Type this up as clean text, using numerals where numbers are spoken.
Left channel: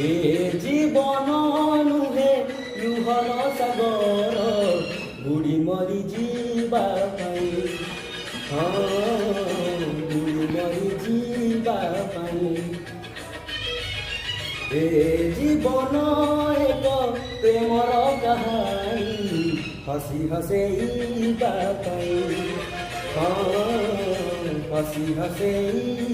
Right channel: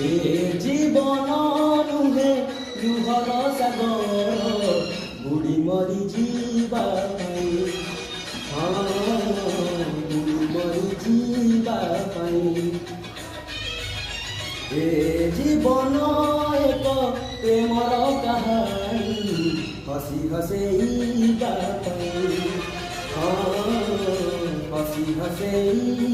ଏ ଜୀବନ ନୁହେଁ ଲୁହର ସାଗର ବୁଡ଼ି ମରି ଯିବା ପାଇଁ, ବୁଡ଼ି ମରି ଯିବା ପାଇଁ। ଏ ଜୀବନ ଏକ ପ୍ରେମର କାହାଣୀ ହସି ହସେଇବା ପାଇଁ, ହସି ହସେଇ